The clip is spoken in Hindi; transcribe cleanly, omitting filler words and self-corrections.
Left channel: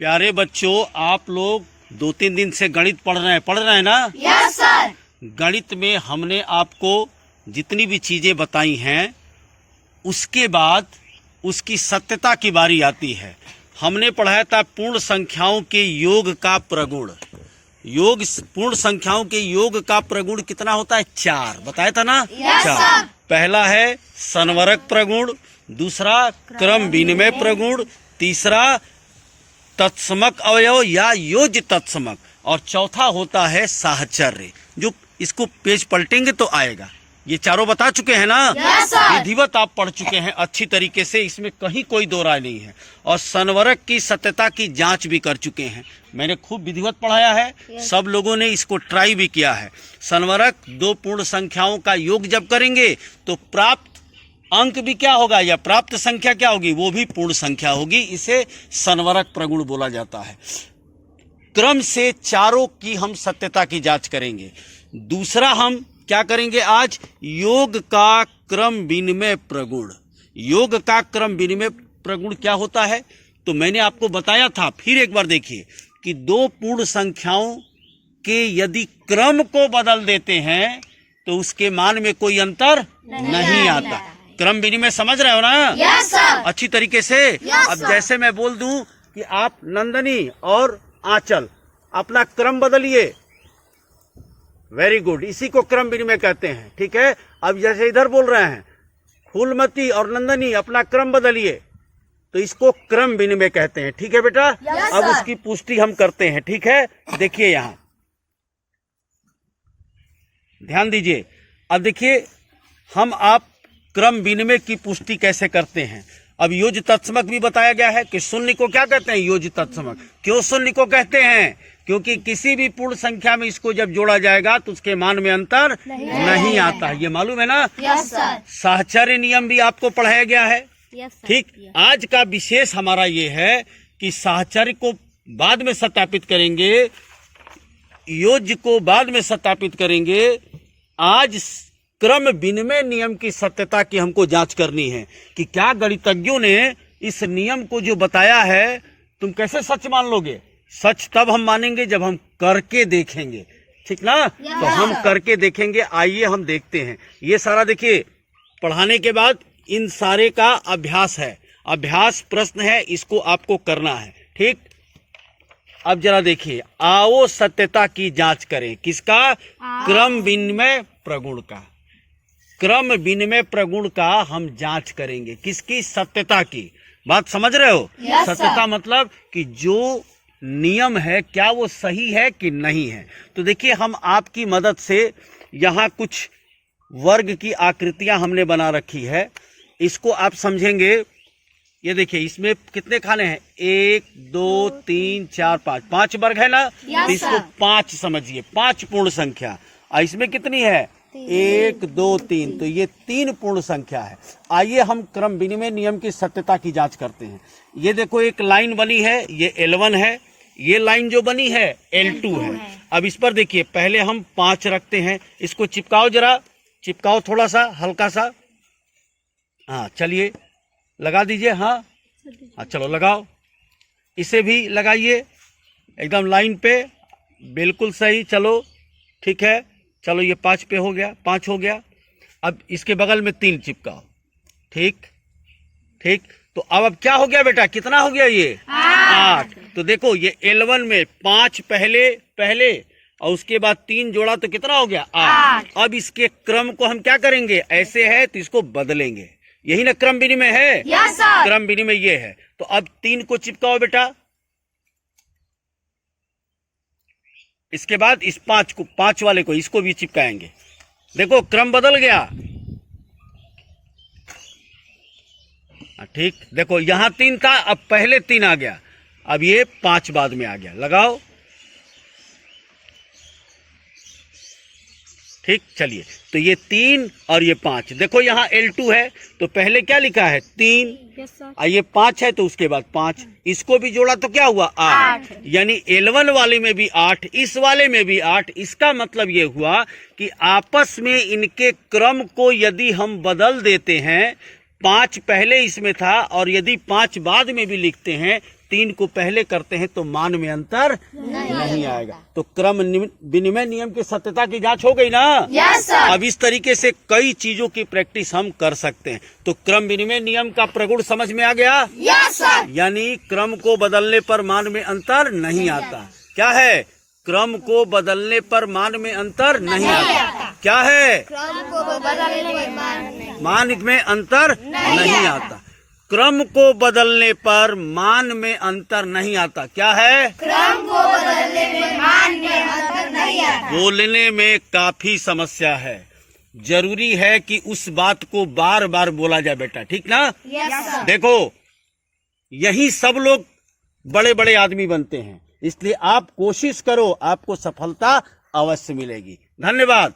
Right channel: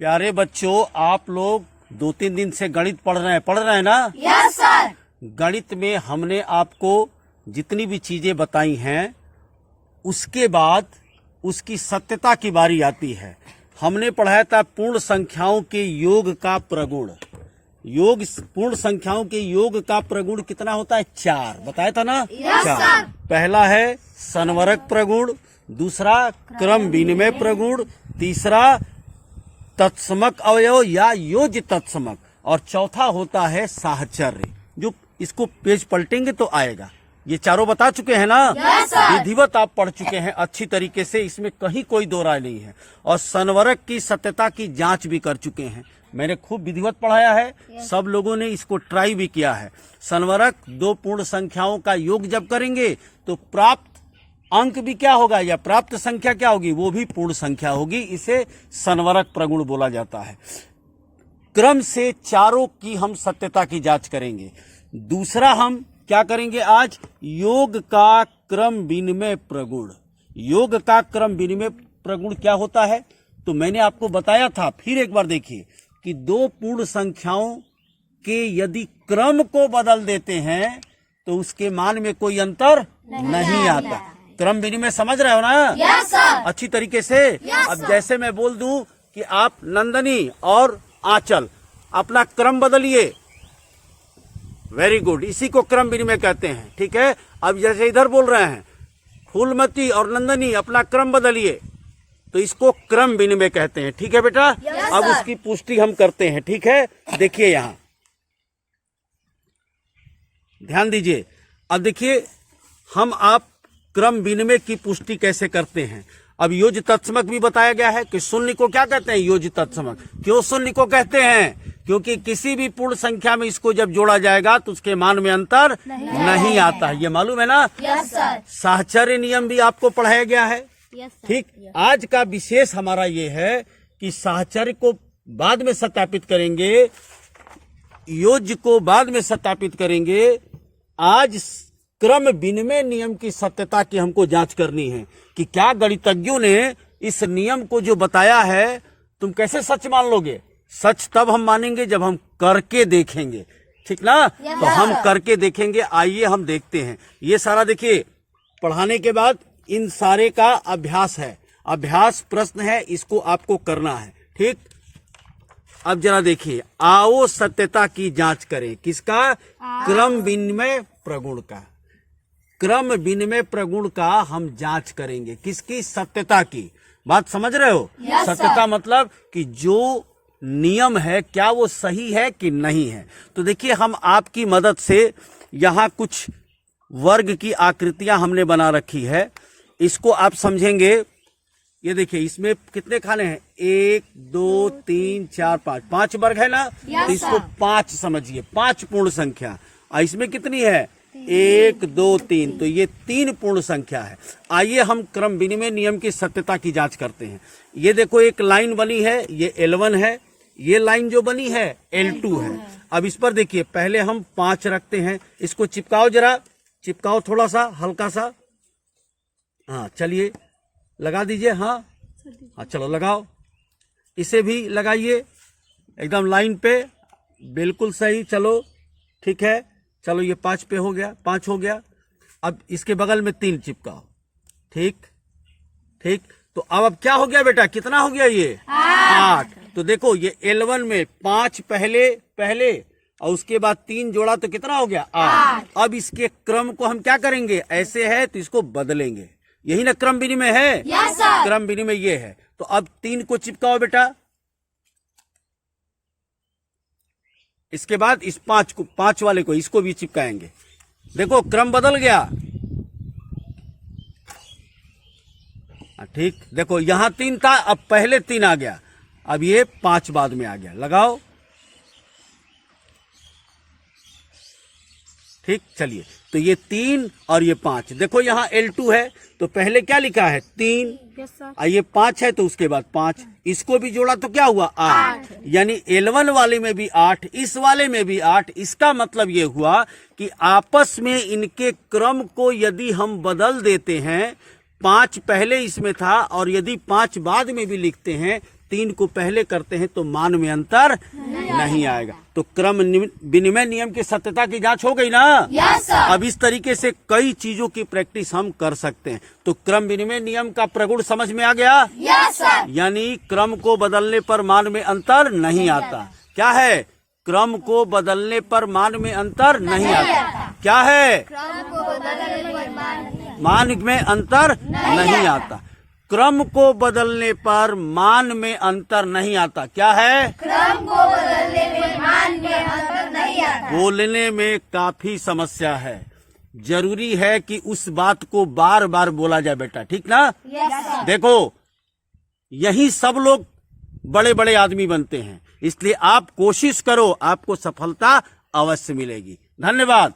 प्यारे बच्चों, आप लोग 2-3 दिन से गणित पढ़ रहे हैं ना? Yes sir. गणित में हमने आपको जितनी भी चीजें बताई हैं उसके बाद उसकी सत्यता की बारी आती है। हमने पढ़ाया था पूर्ण संख्याओं के योग का प्रगुण। पूर्ण संख्याओं के योग का प्रगुण कितना होता है? 4 बताया था ना? यस 4। सर। पहला है संवरक प्रगुण, दूसरा क्रम विनिमय प्रगुण, तीसरा तत्समक अवयव या योज्य तत्समक, और चौथा होता है साहचर्य। जो इसको पेज पलटेंगे तो आएगा। ये चारों बता चुके हैं ना? Yes sir. विधिवत आप पढ़ चुके हैं अच्छी तरीके से, इसमें कहीं कोई दो राय नहीं है। और संवरक की सत्यता की जांच भी कर चुके हैं। मैंने खूब विधिवत पढ़ाया है, सब लोगों ने इसको ट्राई भी किया है। संवरक 2 पूर्ण संख्याओं का योग जब करेंगे तो प्राप्त अंक भी क्या होगा, या प्राप्त संख्या क्या होगी, वो भी पूर्ण संख्या होगी। इसे संवरक प्रगुण बोला जाता है। क्रम से चारों की हम सत्यता की जांच करेंगे। दूसरा हम क्या करेंगे आज? योग का क्रम विनिमय प्रगुण। योग का क्रम विनिमय प्रगुण क्या होता है? तो मैंने आपको बताया था, फिर एक बार देखिए कि 2 पूर्ण संख्याओं के यदि क्रम को बदल देते हैं तो उसके मान में कोई अंतर नहीं आता। क्रम विनिमय समझ रहे हो ना? Yes sir. अच्छी तरीके से। अब जैसे मैं बोल दूं कि आप नंदनी और आंचल अपना क्रम बदलिए, वेरी गुड, इसी को क्रम विनिमय कहते हैं। ठीक है। अब जैसे इधर बोल रहे हैं फूलमती और नंदनी अपना क्रम बदलिए, तो इसको क्रम विनिमय कहते हैं। ठीक है बेटा? अब उसकी पुष्टि हम करते हैं। ठीक है, देखिए यहां ध्यान दीजिए। अब देखिए हम आप क्रम विनिमय की पुष्टि कैसे करते हैं। अब योज्य तत्समक भी बताया गया है कि शून्य को क्या कहते हैं? योज्य तत्समक। क्यों शून्य को कहते हैं? क्योंकि किसी भी पूर्ण संख्या में इसको जब जोड़ा जाएगा तो उसके मान में अंतर नहीं आता। ये मालूम है ना? Yes sir. साहचर्य नियम भी आपको पढ़ाया गया है। Yes sir. ठीक। आज का विशेष हमारा ये है कि साहचर्य को बाद में सत्यापित करेंगे, योज्य को बाद में सत्यापित करेंगे। आज क्रम विनिमय नियम की सत्यता की हमको जांच करनी है कि क्या गणितज्ञों ने इस नियम को जो बताया है तुम कैसे सच मान लोगे। सच तब हम मानेंगे जब हम करके देखेंगे। ठीक ना? तो हम करके देखेंगे। आइए हम देखते हैं। ये सारा देखिए पढ़ाने के बाद इन सारे का अभ्यास है, अभ्यास प्रश्न है, इसको आपको करना है। ठीक। अब जरा देखिए, आओ सत्यता की जांच करें। किसका? क्रम विनिमय प्रगुण का। क्रम विनिमय प्रगुण का हम जांच करेंगे। किसकी? सत्यता की। बात समझ रहे हो? सत्यता मतलब कि जो नियम है क्या वो सही है कि नहीं है। तो देखिए हम आपकी मदद से यहाँ कुछ वर्ग की आकृतियां हमने बना रखी है, इसको आप समझेंगे। ये देखिए इसमें कितने खाने हैं? 1 2 3 4 5 5 वर्ग है ना? तो इसको 5 समझिए, 5 पूर्ण संख्या। और इसमें कितनी है? 1 2 3, तो ये 3 पूर्ण संख्या है। आइए हम क्रम विनिमय नियम की सत्यता की जांच करते हैं। ये देखो एक लाइन बनी है, ये L1 है। ये लाइन जो बनी है L2 है। अब इस पर देखिए पहले हम 5 रखते हैं। इसको चिपकाओ, जरा चिपकाओ थोड़ा सा हल्का सा। हाँ चलिए लगा दीजिए। हाँ चलो लगाओ। इसे भी लगाइए एकदम लाइन पे, बिल्कुल सही। चलो ठीक है, चलो ये 5 पे हो गया, 5 हो गया। अब इसके बगल में 3 चिपकाओ। ठीक ठीक। तो अब क्या हो गया बेटा? कितना हो गया ये? 8। तो देखो ये L1 में 5 पहले और उसके बाद 3 जोड़ा तो कितना हो गया? 8। अब इसके क्रम को हम क्या करेंगे? ऐसे है तो इसको बदलेंगे। यही ना क्रम विनिमय है? Yes sir. क्रम विनिमय ये है। तो अब 3 को चिपकाओ बेटा। इसके बाद इस 5 वाले को, इसको भी चिपकाएंगे। देखो क्रम बदल गया। ठीक। देखो यहां 3 था, अब पहले 3 आ गया, अब ये 5 बाद में आ गया। लगाओ। ठीक। चलिए तो ये 3 और ये 5। देखो यहाँ L2 है तो पहले क्या लिखा है? 3। और ये 5 है तो उसके बाद 5। इसको भी जोड़ा तो क्या हुआ? 8। यानी L1 वाले में भी 8, इस वाले में भी 8। इसका मतलब ये हुआ कि आपस में इनके क्रम को यदि हम बदल देते हैं, 5 पहले इसमें था और यदि 5 बाद में भी लिखते हैं 3 को पहले करते हैं तो मान में अंतर नहीं आएगा। तो क्रम विनिमय नियम की सत्यता की जांच हो गई ना। Yes sir. अब इस तरीके से कई चीजों की प्रैक्टिस हम कर सकते हैं। तो क्रम विनिमय नियम का प्रगुण समझ में आ गया। Yes sir. यानी क्रम को बदलने पर मान में अंतर नहीं आता। क्या है? क्रम को बदलने पर मान में अंतर नहीं आता। क्या है? क्रम को बदलने में मान में अंतर नहीं आता। क्रम को बदलने पर मान में अंतर नहीं आता। क्या है? क्रम को बदलने में मान में अंतर नहीं आता। बोलने में काफी समस्या है। जरूरी है कि उस बात को बार बार बोला जाए बेटा, ठीक ना। Yes sir. देखो, यही सब लोग बड़े बड़े आदमी बनते हैं, इसलिए आप कोशिश करो, आपको सफलता अवश्य मिलेगी। धन्यवाद।